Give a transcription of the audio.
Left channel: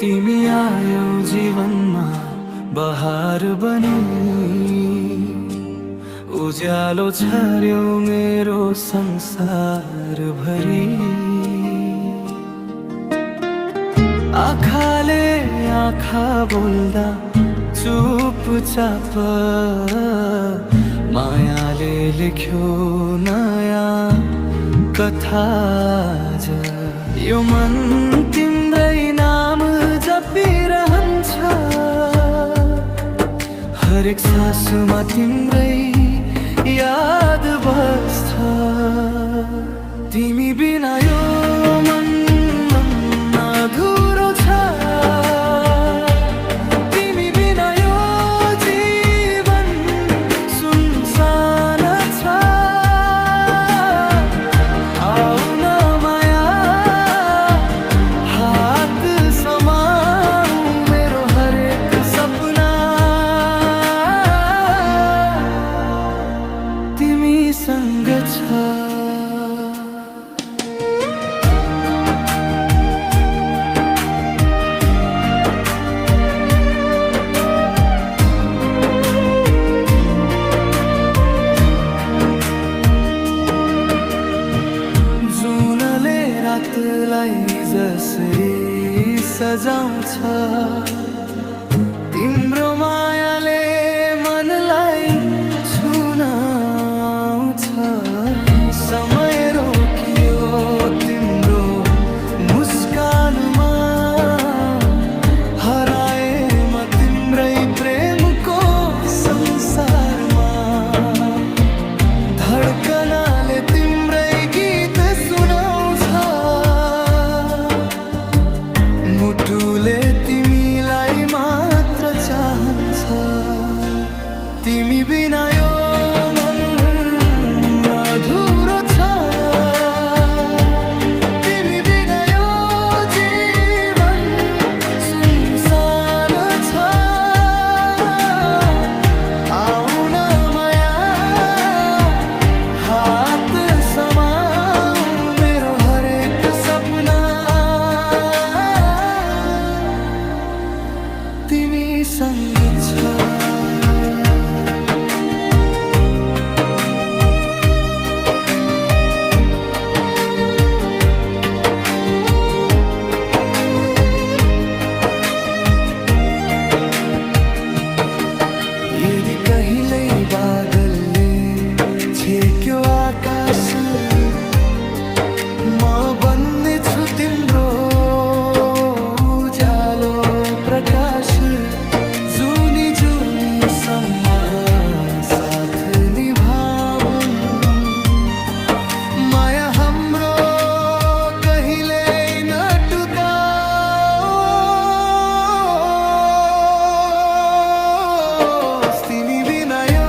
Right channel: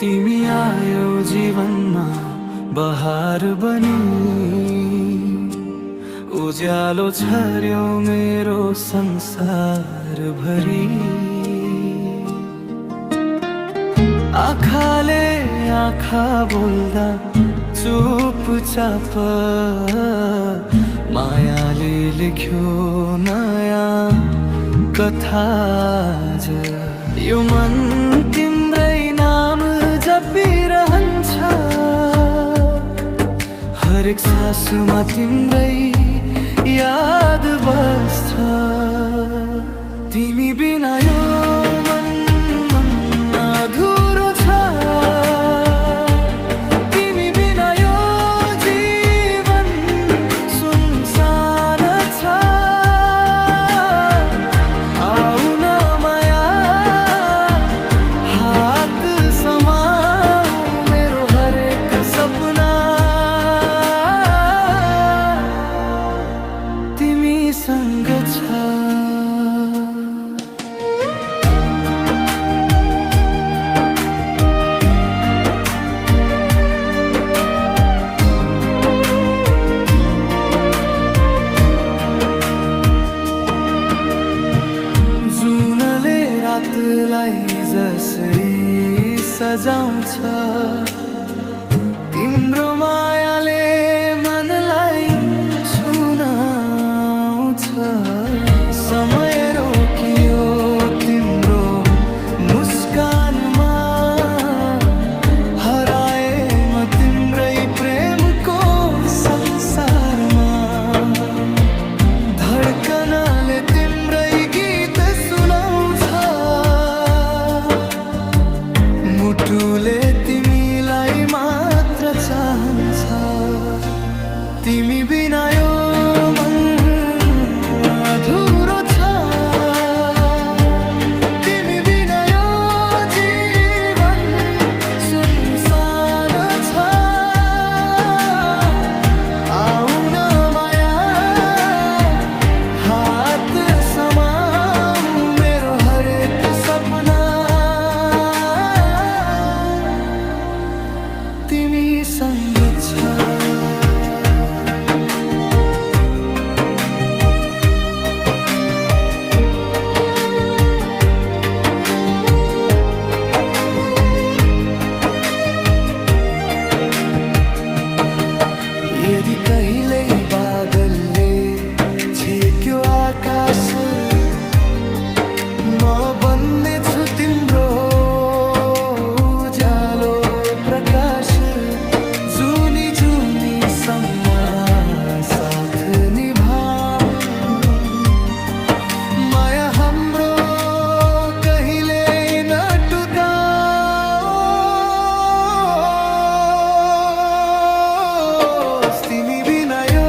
तिमी आयो जीवनमा बहार बनी, उज्यालो छर्यो मेरो संसार भरी। आँखाले आँखा बोल्दा चुपचाप मायाले लेख्यो नयाँ कथा आज। यो मन तिम्रै नाम जपिरहन्छ, हरेक सासुमा तिम्रै याद बस्छ। तिमी बिना यो मन अधुरो छ, तिमी बिना यो जीवन सुनसान छ। आउन माया हात समाऊ मेरो हरेक सपना, तिमी सँग छ। जुनले रातलाई जसरी सजाउँछ, तिम्रो मायाले मनलाई छुनाउँछ। समय रोकियो तिम्रो मुस्कानमा, हराए म तिम्रै प्रेमको संसारमा। धड्कनाले तिम्रै गीत सुनाउँछ, मुटुले तिमीलाई मात्र चाहन्छ। तिमी बिना यो मन अधुरो छ, तिमी बिना यो जीवन सुनसान छ। आउन माया हात समाऊ मेरो हरेक सपना, तिमी सँग छ। यदि कहिल्यै बादलले छेक्यो आकाश, म बन्नेछु तिम्रो उज्यालो प्रकाश। जुनी जुनीसम्म साथ निभाऊ, माया हाम्रो कहिले नटुटाओस्। तिमी बिना यो